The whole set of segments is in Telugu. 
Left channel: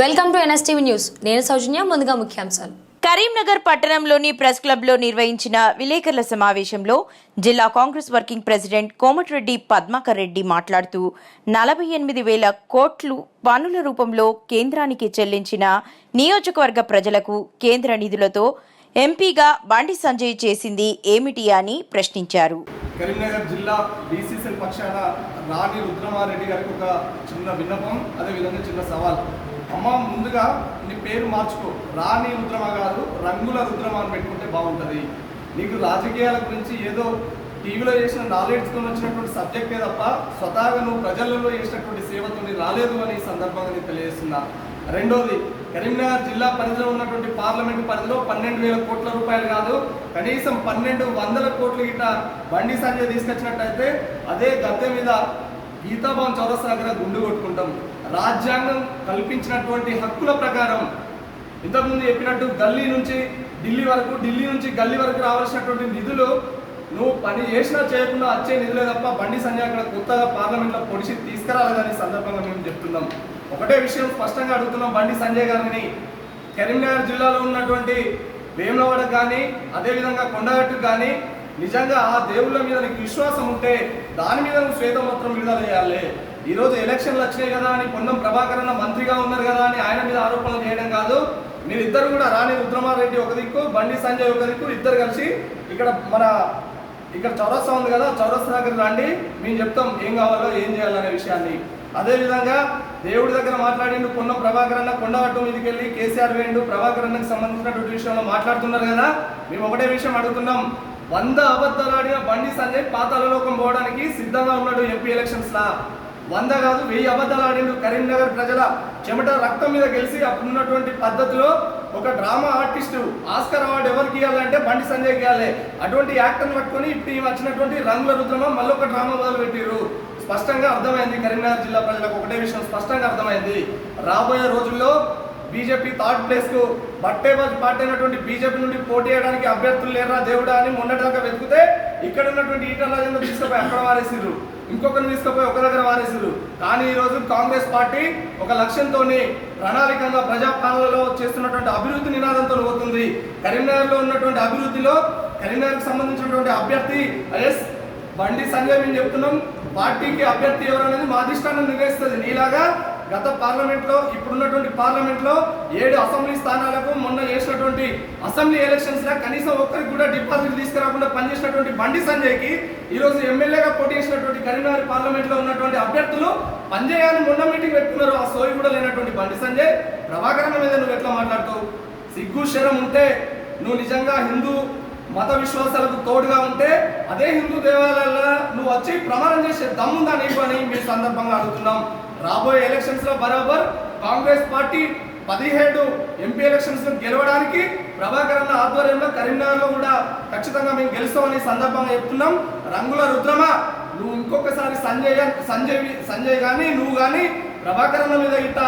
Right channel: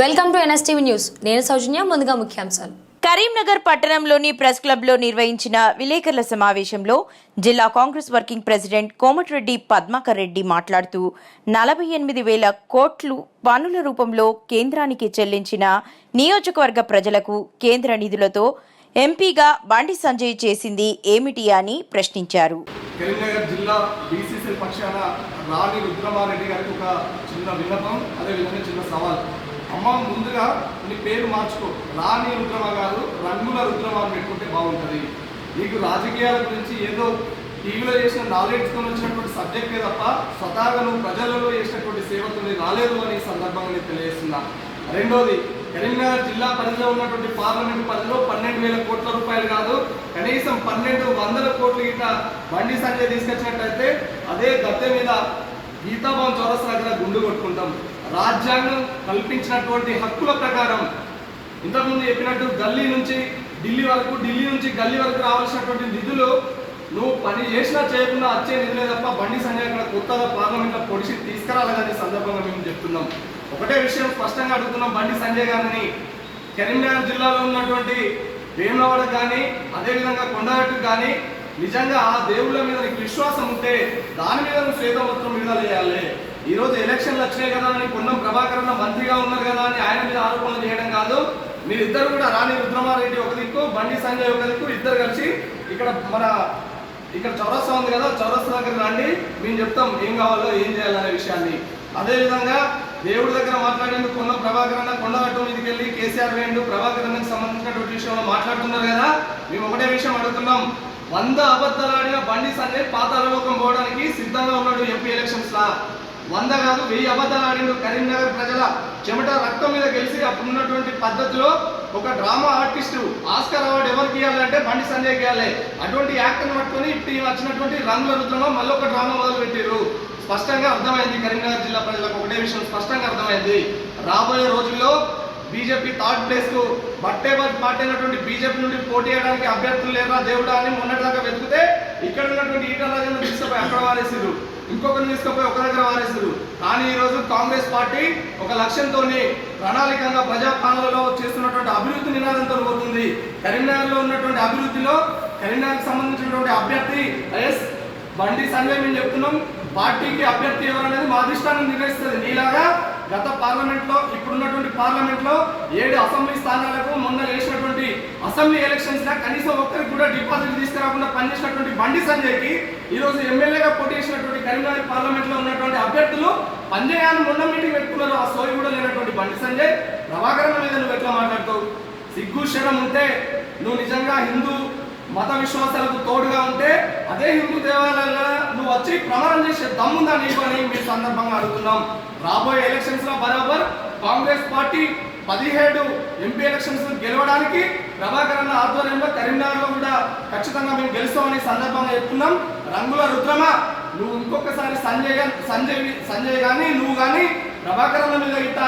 Welcome to NSTV news. నేను సౌజన్య ముందుగా ముఖ్యాంశాలు. కరీంనగర్ పట్టణంలోని ప్రెస్ క్లబ్లో నిర్వహించిన విలేకరుల సమావేశంలో జిల్లా కాంగ్రెస్ వర్కింగ్ ప్రెసిడెంట్ కోమటిరెడ్డి పద్మాకర్ రెడ్డి మాట్లాడుతూ నలభై ఎనిమిది వేల కోట్లు పన్నుల రూపంలో కేంద్రానికి చెల్లించిన నియోజకవర్గ ప్రజలకు కేంద్ర నిధులతో ఎంపీగా బండి సంజయ్ చేసింది ఏమిటి అని ప్రశ్నించారు. కరీంనగర్ జిల్లా బీసీసీ పక్షాన రాణి రుద్రమారెడ్డి గారికి ఒక చిన్న విన్నపం అదేవిధంగా చిన్న సవాల్. అమ్మ ముందుగా నీ పేరు మార్చుకో. రాణి రుద్రమ గారు రంగుల రుద్రమ అని పెట్టుకుంటే బాగుంటుంది. నీకు రాజకీయాల గురించి ఏదో టీవీలో చేసిన నాలెడ్జ్తో వచ్చినటువంటి సబ్జెక్టే తప్ప స్వతహాగా నువ్వు ప్రజలలో చేసినటువంటి సేవతో రాలేదు అని ఈ సందర్భంగా నేను తెలియజేస్తున్నా. రెండోది కరీంనగర్ జిల్లా పరిధిలో ఉన్నటువంటి పార్లమెంటు పరిధిలో పన్నెండు వేల కోట్ల రూపాయలు కాదు కనీసం పన్నెండు వందల కోట్ల గిట బండి సంజయ్ తీసుకొచ్చినట్టయితే అదే గద్దె మీద గీతాభవన్ చౌరస్తా దగ్గర గుండు కొట్టుకుంటాం. రాజ్యాంగం కల్పించినటువంటి హక్కుల ప్రకారం ఇంతకుముందు చెప్పినట్టు గల్లీ నుంచి ఢిల్లీ వరకు ఢిల్లీ నుంచి గల్లీ వరకు రావాల్సినటువంటి నిధులు నువ్వు పని చేసినా చేయకుండా వచ్చే నిధులే తప్ప బండి సంజయ్ కొత్తగా పార్లమెంట్లో పొడిచి తీసుకురాలేదని సందర్భంగా మేము చెప్తున్నాం. ఒకటే విషయం స్పష్టంగా అడుగుతున్నాం బండి సంజయ్ గారిని. కరీంనగర్ జిల్లాలో ఉన్నటువంటి వేములవాడకు కానీ అదేవిధంగా కొండగట్టుకు కానీ నిజంగా ఆ దేవుళ్ళ మీద నీకు విశ్వాసం ఉంటే దాని మీద నువ్వు శ్వేతపత్రం విడుదల చేయాలి. ఈరోజు ఎలక్షన్లు వచ్చినాయి కదా అని పొన్నం ప్రభాకర్ అన్న మంత్రిగా ఉన్నారు కదా అని ఆయన మీద ఆరోపణలు చేయడం కాదు. మీరిద్దరు కూడా రాణి రుద్రమారెడ్డి ఒక దిక్కు బండి సంజయ్ ఒక దిక్కు ఇద్దరు కలిసి ఇక్కడ మన ఇక్కడ చౌరస్తా ఉంది కదా చౌరస్తా దగ్గర రండి. మేము చెప్తాం ఏం కావాలో ఏం చేయాలనే విషయాన్ని. అదేవిధంగా దేవుడి దగ్గర మాట్లాడేందుకు కొన్న ప్రభాకర్ అన్న కొండగట్టు మీదకి వెళ్ళి కేసీఆర్ వేయండు ప్రభాకర్ అన్నకి సంబంధించినటువంటి విషయంలో మాట్లాడుతున్నారు కదా. మేము ఒకటే విషయం అడుగుతున్నాం. వంద అబద్ధాలు ఆడిన బండి సంజయ్ పాతాళలోకం పోవడానికి సిద్ధంగా ఉన్నాడు ఎంపీ ఎలక్షన్స్ లా వంద కాదు వెయ్యి అబద్ధాలు ఆడిండు కరీంనగర్ ప్రజల చెమట రక్తం మీద గెలిచి అప్పుడున్నటువంటి పద్ధతిలో ఒక డ్రామా ఆర్టిస్ట్ ఆస్కర్ అవార్డు ఎవరికి ఇవ్వాలంటే బండి సంజయ్ ఇవ్వాలి. అటువంటి యాక్టర్ పట్టుకొని ఇప్పుడు ఈ వచ్చినటువంటి రంగుల రుద్రమ మళ్ళీ ఒక డ్రామా మొదలు పెట్టారు స్పష్టంగా అర్థమైంది కరీంనగర్ జిల్లా ప్రజలకు ఒకటే విషయం స్పష్టంగా అర్థమైంది. రాబోయే రోజుల్లో బీజేపీ థర్డ్ ప్లేస్కు బట్టే పార్టీ అయినటువంటి బీజేపీ నుండి పోటీ చేయడానికి అభ్యర్థులు లేరా దేవుడా అని మొన్నటిదాకా వెతికితే ఇక్కడ ఉన్నటువంటి ఈటల రాజేంద్ర తీసుకుపోయి అక్కడ వారేసారు ఇంకొకరిని తీసుకుపోయి ఒక దగ్గర వారేసారు కానీ ఈ రోజు కాంగ్రెస్ పార్టీ ఒక లక్ష్యంతో ప్రణాళికంగా ప్రజాపాలనలో చేస్తున్నటువంటి అభివృద్ధి నినాదంతో పోతుంది కరీంనగర్లో ఉన్నటువంటి అభివృద్ధిలో కరీంనగర్కి సంబంధించినటువంటి అభ్యర్థి ఎస్ బండి సంజయ్ మేము చెప్తున్నాం. పార్టీకి అభ్యర్థి ఎవరనేది మా అధిష్టానం నిర్ణయిస్తుంది. నీలాగా గత పార్లమెంట్లో ఇప్పుడున్నటువంటి పార్లమెంట్లో ఏడు అసెంబ్లీ స్థానాలకు మొన్న చేసినటువంటి అసెంబ్లీ ఎలక్షన్స్లో కనీసం ఒక్కరికి కూడా డిపాజిట్ తీసుకురాకుండా పనిచేసినటువంటి బండి సంజయ్కి ఈరోజు ఎమ్మెల్యేగా పోటీ చేసినటువంటి కరీంనగర్ పార్లమెంట్లో ఉన్నటువంటి అభ్యర్థులు పంజయాన్ని మొన్న మీటింగ్ పెట్టుకున్నారు. ఆ సోయి కూడా లేనటువంటి బండి సంజయ్. ప్రభాకరణ మీద నువ్వు ఎట్లా మాట్లాడతావు? సిగ్గు శరం ఉంటే నువ్వు నిజంగా హిందూ మత విశ్వాసాలకు తోడుగా ఉంటే అదే హిందూ దేవాలయాల నువ్వు వచ్చి ప్రమాణం చేసే దమ్ముందా నీకు అని మీ సందర్భంగా అడుగుతున్నాం. రాబోయే ఎలక్షన్స్లో బరాబర్ కాంగ్రెస్ పార్టీ పదిహేడు ఎంపీ ఎలక్షన్స్ గెలవడానికి ప్రభాకర్ అన్న ఆధ్వర్యంలో కరీంనగర్లో కూడా ఖచ్చితంగా మేము గెలుస్తామని సందర్భంగా చెప్తున్నాం. రంగుల రుద్రమ నువ్వు ఇంకొకసారి సంజయ్ సంజయ్ సంజయ్ కానీ నువ్వు కానీ ప్రభాకర్ మీద ఇట్ట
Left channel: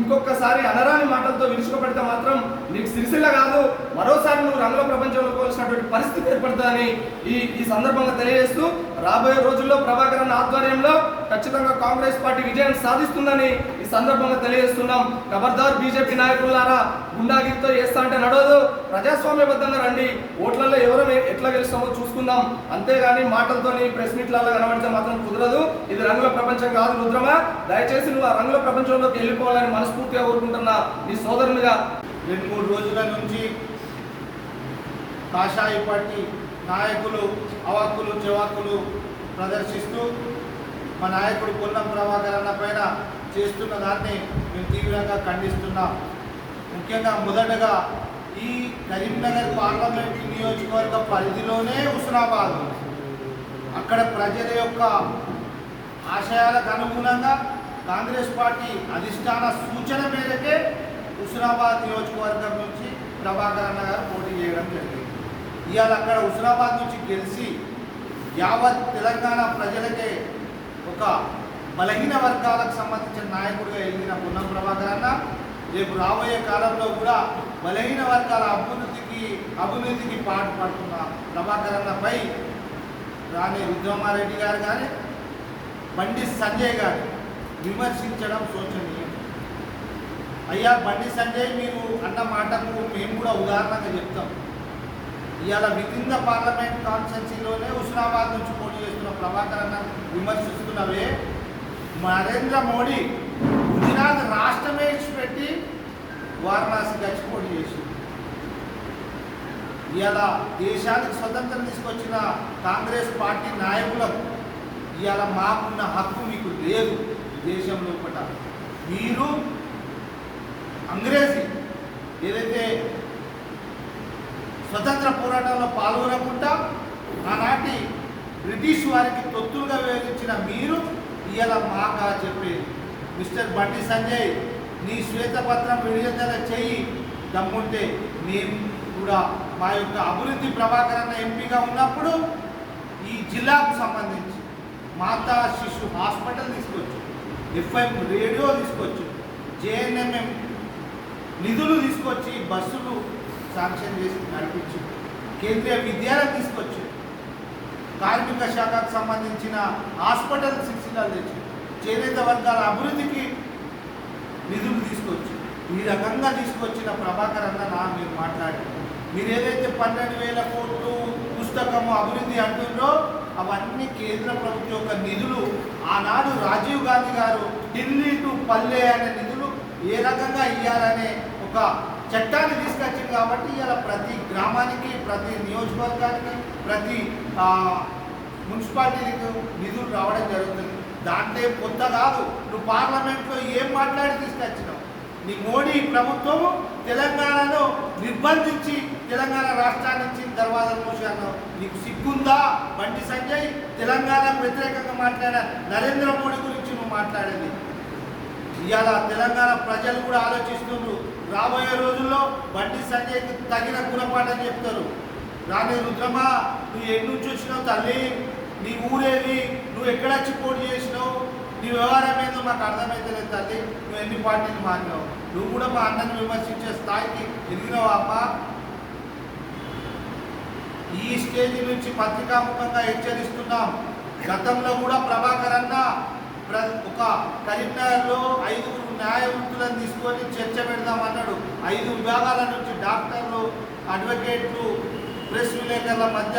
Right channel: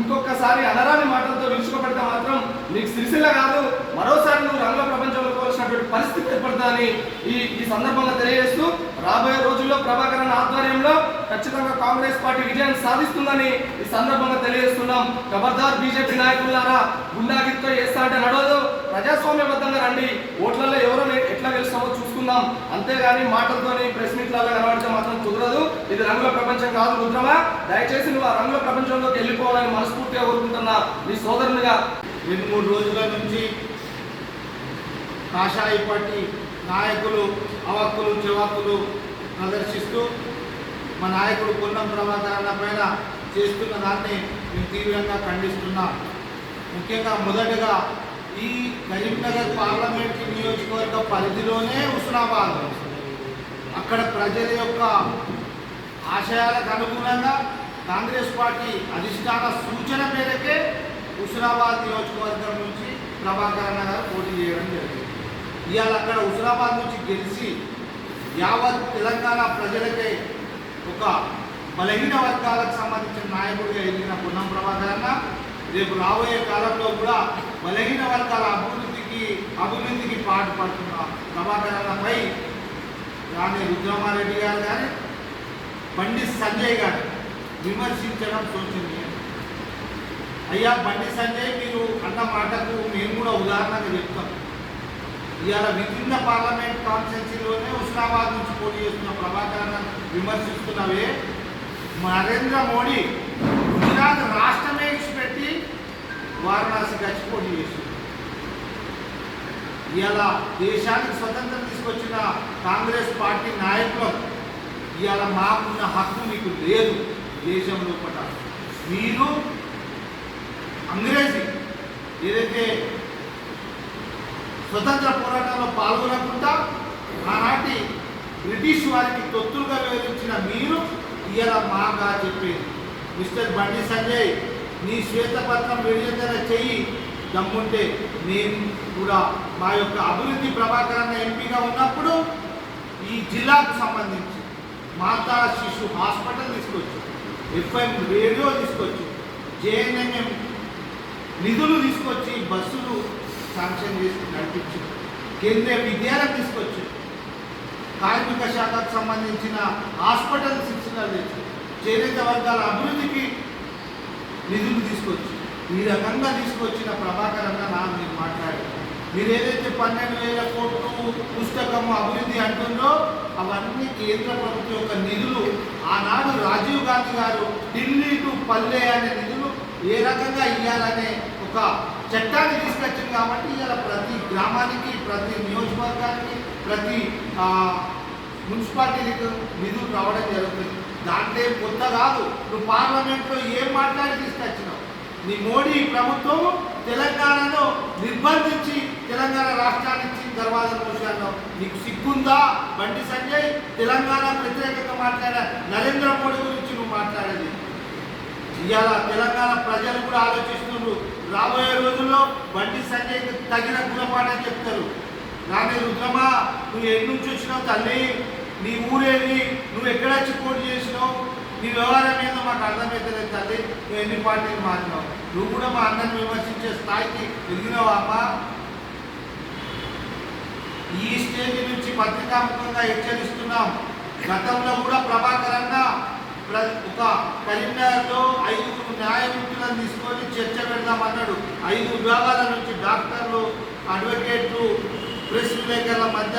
ఇంకొకసారి అనరాని మాటలతో విరుచుకోబడితే మాత్రం నీకు సిరిసిల్ల కాదు. మరోసారి నువ్వు రంగుల ప్రపంచంలో పోల్సినటువంటి పరిస్థితి ఏర్పడుతుందని ఈ ఈ సందర్భంగా తెలియజేస్తూ రాబోయే రోజుల్లో ప్రభాకరన్ ఆధ్వర్యంలో ఖచ్చితంగా కాంగ్రెస్ పార్టీ విజయాన్ని సాధిస్తుందని ఈ సందర్భంగా తెలియజేస్తున్నాం. ఖబర్దార్ బీజేపీ నాయకులారా గుండాగిరితో చేస్తా అంటే నడవదు. ప్రజాస్వామ్యబద్ధంగా రండి. ఓట్లలో ఎవరైనా ఎట్లా గెలుస్తామో చూసుకుందాం. అంతేగాని మాటలతోని ప్రెస్ మీట్లలో కనబడితే మాత్రం కుదరదు. ఇది రంగుల ప్రపంచం కాదు రుద్రమా? దయచేసి నువ్వు ఆ రంగుల ప్రపంచంలోకి వెళ్ళిపోవాలని మనస్ఫూర్తిగా కోరుకుంటున్నా మీ సోదరునిగా. రెండు మూడు రోజుల నుంచి కాషాయి పార్టీ నాయకులు అవక్కులు చెవాకులు ప్రదర్శిస్తూ మా నాయకుడు పొన్నం ప్రభాకర్ అన్న పైన చేస్తున్న దాన్ని మేము తీవ్రంగా ఖండిస్తున్నాం. ముఖ్యంగా మొదటగా ఈ కరీంనగర్ పార్లమెంట్ నియోజకవర్గ పరిధిలోనే హుస్నాబాద్. అక్కడ ప్రజల యొక్క ఆశయాలకు అనుగుణంగా కాంగ్రెస్ పార్టీ అధిష్టాన సూచన మేరకే హుస్నాబాద్ నియోజకవర్గం నుంచి ప్రభాకర్ గారు పోటీ చేయడం జరిగింది. ఇవాళ అక్కడ హుస్నాబాద్ నుంచి గెలిచి యావత్ తెలంగాణ ప్రజలకే ఒక బలహీన వర్గాలకు సంబంధించిన నాయకుడిగా ఎదిగిన పొన్నం ప్రభాకర్ అన్న రేపు రాబోయే కాలంలో కూడా బలహీన వర్గాల అభివృద్ధికి అభివృద్ధికి పాటుపడుతున్న ప్రభాకర్ అన్నపై రాణి రుద్రమారెడ్డి గారు కానీ బండి సంజయ్ గారు విమర్శించడం శోచనీయం అయ్యా బండి సంజయ్ మీరు అన్న మాటకు మేము కూడా ఉదాహరణగా చెప్తాం. ఇవాళ విభిన్న పార్లమెంట్ కాన్స్టెన్సీలోనే హుస్నాబాద్ నుంచి పోటీ చేస్తున్న ప్రభాకర్ అన్న విమర్శిస్తున్నవే. నరేంద్ర మోడీ గుజరాత్ రాష్ట్రమే ఇచ్చిపెట్టి వారణాసి గచ్చిపోటీ చేసింది. ఇలా దేశానికి స్వతంత్రం తీసుకొచ్చిన కాంగ్రెస్ పార్టీ నాయకులకు ఇలా మాకున్న హక్కు మీకు లేదు దేశం లోపల మీరు అంగ్రేజీ ఏదైతే స్వతంత్ర పోరాటంలో పాల్గొనకుండా ఆనాటి బ్రిటిష్ వారికి తొత్తులుగా వివరించిన మీరు ఇలా మాగా చెప్పేది. మిస్టర్ బండి సంజయ్ నీ శ్వేతపత్రం విడుదల చెయ్యి. దమ్ముంటే మేము కూడా మా యొక్క అభివృద్ధి ప్రభాకరణ ఎంపీగా ఉన్నప్పుడు ఈ జిల్లాకు సంబంధించి మాతా శిశు హాస్పిటల్ తీసుకొచ్చు. ఎఫ్ఎం రేడియో తీసుకొచ్చు. జేఎన్ఎంఎం నిధులు తీసుకొచ్చి బస్సులు శాంక్షన్ చేసి నడిపించి. కేంద్రీయ విద్యాలయం తీసుకొచ్చి. కార్మిక శాఖకు సంబంధించిన హాస్పిటల్ శిక్షణలు తెచ్చి. చేనేత వర్గాల అభివృద్ధికి నిధులు తీసుకొచ్చి ఈ రకంగా తీసుకొచ్చిన ప్రభాకర్ అన్న నా మీరు మాట్లాడారు. మీరు ఏదైతే పన్నెండు వేల కోట్లు పుస్తకము అభివృద్ధి అంటుందో అవన్నీ కేంద్ర ప్రభుత్వం యొక్క నిధులు. ఆనాడు రాజీవ్ గాంధీ గారు ఢిల్లీ టు పల్లె అనే నిధులు ఏ రకంగా ఇవ్వాలనే ఒక చట్టాన్ని తీసుకొచ్చింది కాబట్టి ఇలా ప్రతి గ్రామానికి ప్రతి నియోజకవర్గానికి ప్రతి మున్సిపాలిటీకి నిధులు రావడం జరుగుతుంది. దాంట్లో కొత్త కాదు. నువ్వు పార్లమెంట్లో ఏం మాట్లాడి తీసుకొచ్చినావు? నీ మోడీ ప్రభుత్వం తెలంగాణలో నిర్బంధించి తెలంగాణ రాష్ట్రాన్ని ఇచ్చిన దర్వాజా మోసి అన్నావు. నీకు సిగ్గుందా? బండి సంజయ్ తెలంగాణ వ్యతిరేకంగా మాట్లాడ నరేంద్ర మోడీ గురించి నువ్వు మాట్లాడేది. ఇవాళ తెలంగాణ ప్రజలు కూడా ఆలోచిస్తున్నారు రాబోయే రోజుల్లో బండి సంజయ్కి తగిన గుణపాఠం చెప్తారు. నానే రుద్రమా నువ్వు ఎన్ని చూసినావు వచ్చినావు తల్లి? నీ ఊరేది నువ్వు ఎక్కడ వచ్చి పోటీ చేసినావు? నీ వ్యవహారం ఏందో మాకు అర్థమైతలేదు తల్లి నువ్వు ఎన్ని పార్టీకి మారినావు? నువ్వు కూడా మా అన్నను విమర్శించే స్థాయికి ఎదిగినావా అమ్మా ఈ స్టేజ్ నుంచి పత్రికాముఖంగా హెచ్చరిస్తున్నాం. గతంలో కూడా ప్రభాకర్ అన్న ప్ర- ఒక కరీంనగర్లో ఐదుగురు న్యాయమూర్తులను తీసుకొని చర్చ పెడదామన్నాడు. ఐదు విభాగాల నుంచి డాక్టర్లు అడ్వకేట్లు ప్రెస్ విలేకరుల మధ్య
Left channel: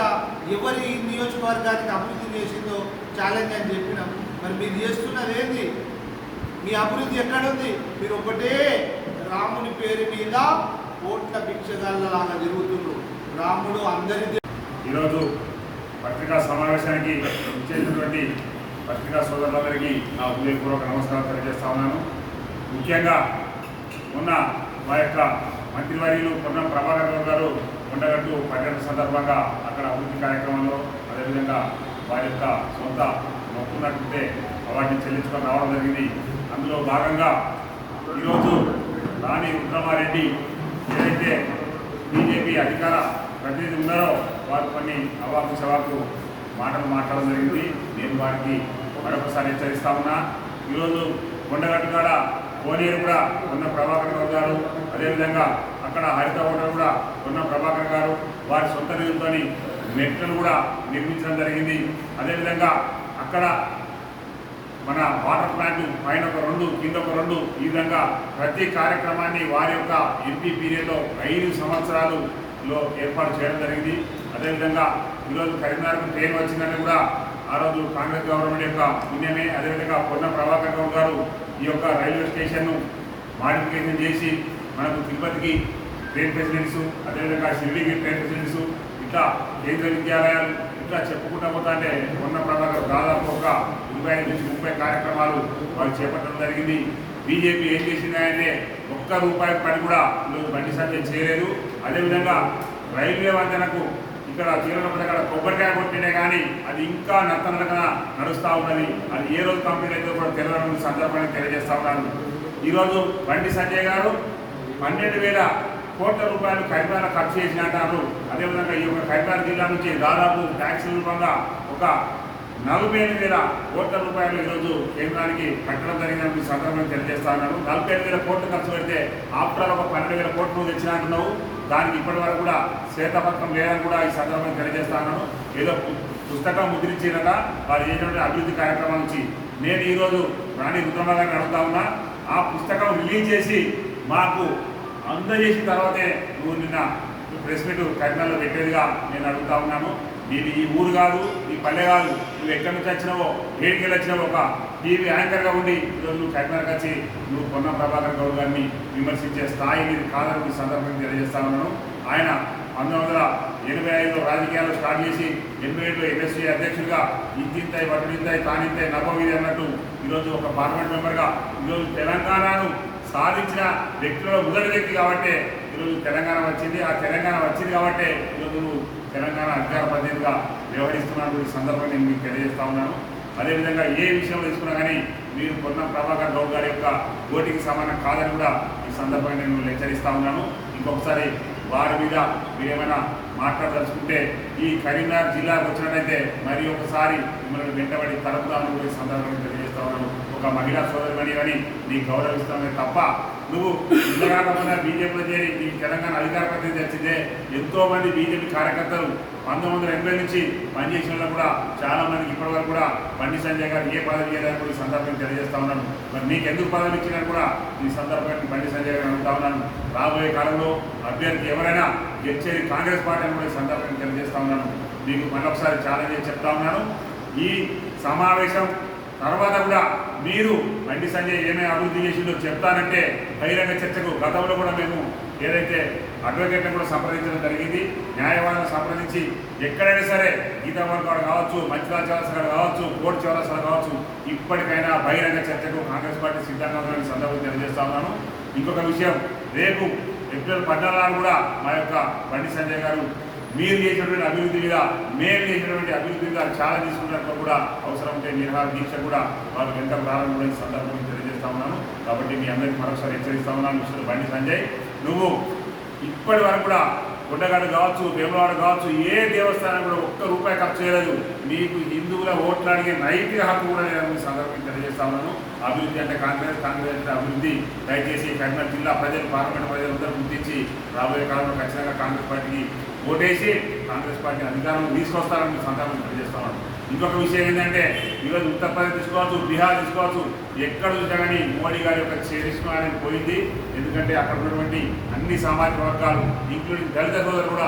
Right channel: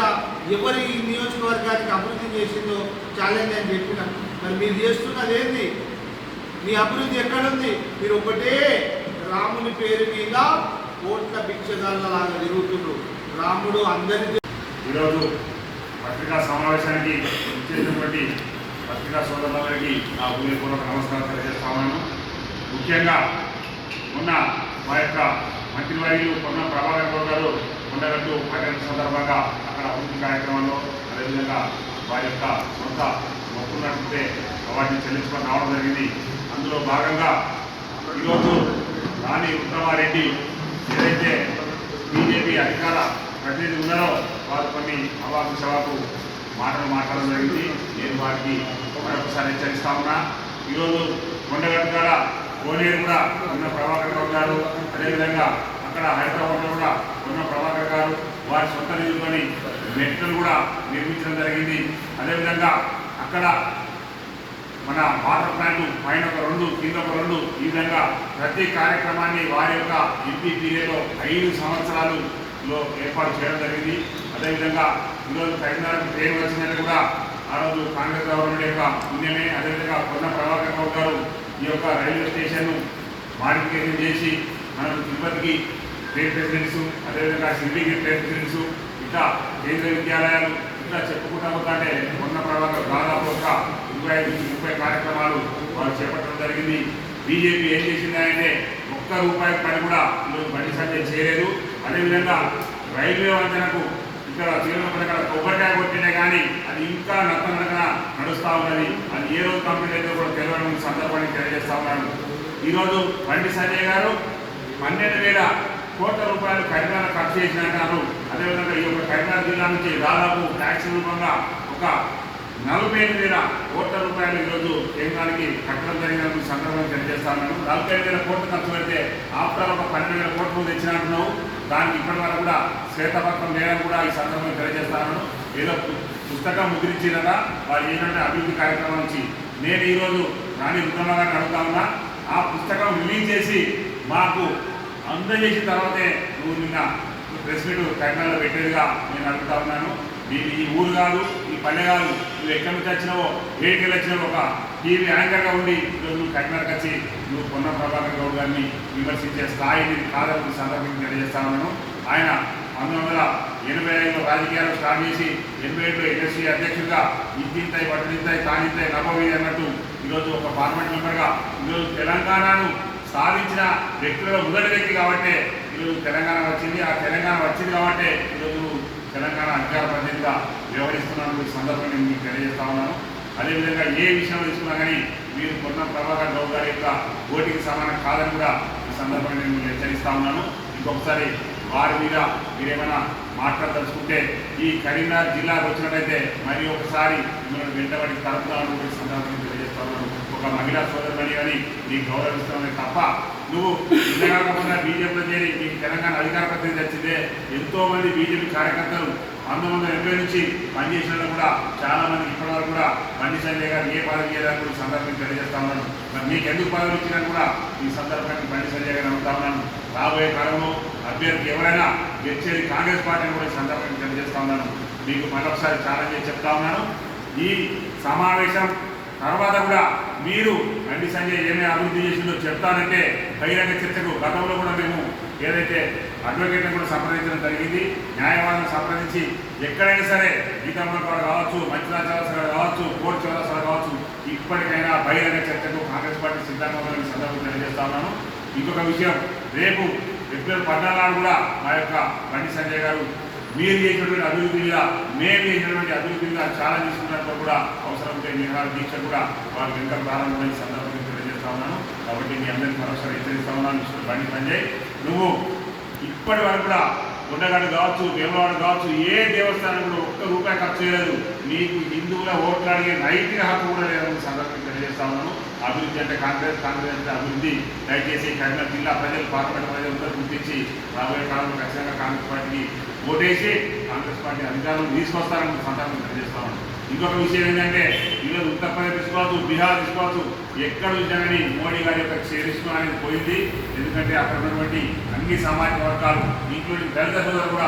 ఎవరి ఈ నియోజకవర్గానికి అభివృద్ధి చేసిందో ఛాలెంజ్ అని చెప్పినాం మరి మీరు చేస్తున్నది ఏంది? మీ అభివృద్ధి ఎక్కడుంది? మీరు ఒకటే రాముని పేరు మీద కోట్ల భిక్షగాళ్ళలాగా తిరుగుతున్నారు రాముడు అందరి ఈరోజు పత్రికా సమావేశానికి ఇచ్చేటటువంటి పత్రికా సోదరులందరికీ నా ఉదయపూర్వక నమస్కారం తెలియజేస్తా ఉన్నాను. ముఖ్యంగా మొన్న మా యొక్క మంత్రివర్యులు పొన్న ప్రభాకర్ గౌడ్ గారు ఉండగట్టు పర్యటన సందర్భంగా అక్కడ అభివృద్ధి కార్యక్రమంలో అదేవిధంగా వారి యొక్క సొంత మొక్కున్నట్లయితే వాటిని చెల్లించుకొని రావడం జరిగింది. అందులో భాగంగా ఈరోజు రాణి ఉత్తమారెడ్డి ఏదైతే బీజేపీ అధికార ప్రతినిధి ఉన్నారో వారు కొన్ని అవాకు సవాకు మాటలు మాట్లాడడం జరిగింది. నేను వారికి మరొకసారి హెచ్చరిస్తా ఉన్నా. ఈరోజు కొండగట్టు కూడా కోనేరు కూడా ఉన్న ప్రభాకర్ రావు గారు అదేవిధంగా అక్కడ హైదరాబాద్లో కూడా ఉన్న ప్రభాకర్ గారు వారి సొంత నిధులని మెట్లను కూడా నిర్మించడం జరిగింది. అదేవిధంగా అక్కడ మన వాటర్ ప్లాంట్ పైన ఒక రెండు కింద ఒక రెండు ఈ విధంగా ప్రతి కార్యక్రమాన్ని వారి యొక్క ఎంపీ పీరియడ్లో ఐదు సంవత్సరాలులో ఏర్పాటు చేయడం జరిగింది. అదేవిధంగా ఈరోజు కరీంనగర్కు ట్రైన్ వచ్చిందని కూడా ఆ రోజు కాంగ్రెస్ గవర్నమెంట్ యొక్క పుణ్యమే. అదేవిధంగా పొన్న ప్రభాకర్ రావు గారు ఈ యొక్క రైల్వే స్టేషన్ను మాడిఫికేషన్ చేసి మనకు తిరుపతికి ట్రైన్ ప్రెసిడెంట్స్ అదేవిధంగా షిరిడీకి ట్రైన్ ప్రెసిడెంట్స్ ఇంకా కేంద్ర విద్యాలయాలు ఇంకా చెప్పుకుంటా పోతాంటే ఉన్న ప్రభావం దాదాపు ఒక ఇరవై ఐదు నుంచి ముప్పై కార్యక్రమాలు వాళ్ళు చేపట్టడం జరిగింది. బీజేపీ ఏం చేసిందంటే ఒక్క రూపాయి పని కూడా ఈరోజు బండి సంజయ్ చేయలేదు. అదేవిధంగా రైల్వే వంతెనకు ఇక్కడ తీవ్రమైన ఇక్కడ కొబ్బరికాయ కొట్టినా కానీ అది ఇంకా నత్తనగా నడుస్తూ ఉన్నది. అది ఏ రోజు కంప్లీట్ అయితే కూడా తెలియని సందర్భాన్ని తెలియజేస్తా ఉన్నాను. ఈరోజు బండి సంజయ్ గారు పన్నెండు వేల కోట్ల రూపాయలు కరీంనగర్ ఖర్చు చేసినట్టారు అదేవిధంగా ఈ యొక్క కరీంనగర్ జిల్లా నుంచి దాదాపు ట్యాక్స్ రూపంగా ఒక నలభై ఐదు వేల కోట్ల రూపాయలు ఈరోజు కేంద్రానికి కట్టడం జరిగిన సందర్భంగా తెలియజేస్తా ఉన్నాను. నలభై ఐదు వేల కోట్లు ఖర్చు పెడితే ఆఫ్టర్ ఒక పన్నెండు వేల కోట్లు నువ్వు దానికి ఇప్పటి వరకు కూడా శ్వేతపత్రం లేదని కూడా ఈ సందర్భంగా తెలియజేస్తాను ఏదో పుస్తకం ముద్రించినట వారు ఏంటంటే అభివృద్ధి కార్యక్రమం నుంచి నేను ఈరోజు రాణి రుద్రమ్మ గారిని అడుగుతా ఉన్నా. ఆ పుస్తకం రిలీజ్ చేసి మాకు అందజేసిన తర్వాతే నువ్వు నిన్న ప్రెస్ మీట్ కరీంనగర్లో పెట్టేదిగా నేను అడుగుతా ఉన్నాను. నీకు ఈ ఊరు కాదు ఈ నువ్వు ఎక్కడి నుంచి వచ్చినావో ఏడికి వచ్చినావో ఒక టీవీ యాంకర్గా ఉండి ఈరోజు నువ్వు కరీంనగర్కి వచ్చి నువ్వు పొన్న ప్రభాకర్ గౌడ్ గారిని విమర్శించే స్థాయి కాదని సందర్భంగా తెలియజేస్తా ఉన్నాను. ఆయన పంతొమ్మిది వందల ఎనభై ఐదులో రాజకీయాలు స్టార్ట్ చేసి ఎనభై ఏడులో ఎన్ఎస్సీ అధ్యక్షుడిగా ఇంతింతాయి వడ్డింతాయి తానింతాయి నవ్వవి అన్నట్టు ఈరోజు ఒక పార్లమెంట్ మెంబర్గా ఈరోజు తెలంగాణను సాధించిన వ్యక్తుల మొదటి వ్యక్తి కాబట్టి ఈరోజు తెలంగాణ వచ్చింది. ఆ తెలంగాణ వచ్చింది కాబట్టి తెలంగాణ అధికార ప్రతినిధిగా వ్యవహరిస్తున్నాను సందర్భంగా నేను మీకు తెలియజేస్తా ఉన్నాను. అదేవిధంగా ఏ విషయంలో తీసుకున్నా కానీ మీరు పొన్నం ప్రభాకర్ గౌరవ గారి యొక్క ఓటికి సమానం కాదని కూడా ఈ సందర్భంగా నేను హెచ్చరిస్తా ఉన్నాను. ఇంకొకసారి వారి మీద మీరేమైనా మాట్లాడదలుచుకుంటే ఈ కరీంనగర్ జిల్లాకు వచ్చినట్టయితే మరి ఒకసారి మిమ్మల్ని వెంటబడి తరపుదాను ఈ సందర్భంగా తెలియజేస్తా ఉన్నాను. ఒక మహిళా సోదరుమణి అని నీ గౌరవిస్తామే తప్ప నువ్వు ఇంతకాకుండా బీజేపీ ఈ తెలంగాణ అధికార ప్రతినిధి వచ్చిందే. ఎంతో మంది బీజేపీ కార్యకర్తలు పంతొమ్మిది వందల ఎనభై నుంచి పనిచేసిన కూడా చాలా మంది ఇప్పటివరకు కూడా బండి సంజయ్ గారు ఏ పదవి చేయడానికి కూడా ఈ సందర్భంగా తెలియజేస్తా ఉన్నాను. మరి నీకు ఎందుకు పదవి ఇచ్చినా కూడా ఈ సందర్భానికి బండి సంజయ్ గారు అడుగుతా ఉన్నాను. రాబోయే కాలంలో అభ్యర్థి ఎవరైనా గెలిచేది కాంగ్రెస్ పార్టీ అని కూడా ఈ సందర్భంగా తెలియజేస్తా ఉన్నాను. మీకు మరొకసారి ఛాలెంజ్ చెప్తా ఉన్నాను. ఈ సమావేశం తర్వాత కూడా మీరు బండి సంజయ్ ఏమేమి అభివృద్ధి చేసిందో చెప్తానంటే బహిరంగ చర్చకు గతంలో కూడా మేము ఏదైతే అడ్వకేట్ని కూడా సంప్రదించడం జరిగింది న్యాయవాదులను సంప్రదించి ఎక్కడైనా సరే గీతామల్ కావచ్చు మంచిరాజ్ కావచ్చు కోర్టు చౌరస్ కావచ్చు ఇప్పటికైనా బహిరంగ చర్చకు కాంగ్రెస్ పార్టీ సిద్ధంగా ఉందని సందర్భంగా తెలియజేస్తా ఉన్నాను. ఇంకొక విషయం రేపు ఏప్రిల్ పద్నాలుగు కూడా మా యొక్క బండి సంజయ్ గారు మీరు చేసినటువంటి అభివృద్ధి మీద మేము చేసినటువంటి అభివృద్ధి మీద చాలా తీసుకున్నట్లు కూడా అవసరమైతే నిర్వహణ దీక్ష కూడా వారి వెంట ప్రారంభమైన సందర్భం తెలియజేస్తా ఉన్నాను. కాబట్టి మీ అందరికీ మరొకసారి హెచ్చరిస్తా ఉన్నాను. మిస్టర్ బండి సంజయ్ నువ్వు ఇప్పటి వరకు కూడా గుడ్డగాడు కావచ్చు వేమవాడ కావచ్చు ఏ దేవస్థానం కూడా ఒక్క రూపాయి ఖర్చు చేయలేదు. మీకు హిందువుల ఓట్లు అడిగే నైతిక హక్కు కూడా లేదని సందర్భం తెలియజేస్తా ఉన్నాను. అభివృద్ధి అంటే కాంగ్రెస్ కాంగ్రెస్ అంటే అభివృద్ధి. దయచేసి కఠిన జిల్లా ప్రజలు పార్లమెంట్ ప్రజలందరూ గుర్తించి రాబోయే కాలంలో ఖచ్చితంగా కాంగ్రెస్ పార్టీకి ఓటేసి కాంగ్రెస్ పార్టీ అధికారులు తీసుకొస్తారని సంతానం తెలియజేస్తామని ఇంకొక విషయం ఏంటంటే ఈరోజు ఉత్తరప్రదేశ్ తీసుకోవచ్చు బీహార్ తీసుకోవచ్చు ఎక్కడ చూసినా కానీ మోడీ గారి యొక్క చరిష్మా అనేది పోయింది. ఎందుకంటే అక్కడ ఉన్నటువంటి అన్ని సామాజిక వర్గాలు ఇంక్లూడింగ్ దళిత సోదరు కూడా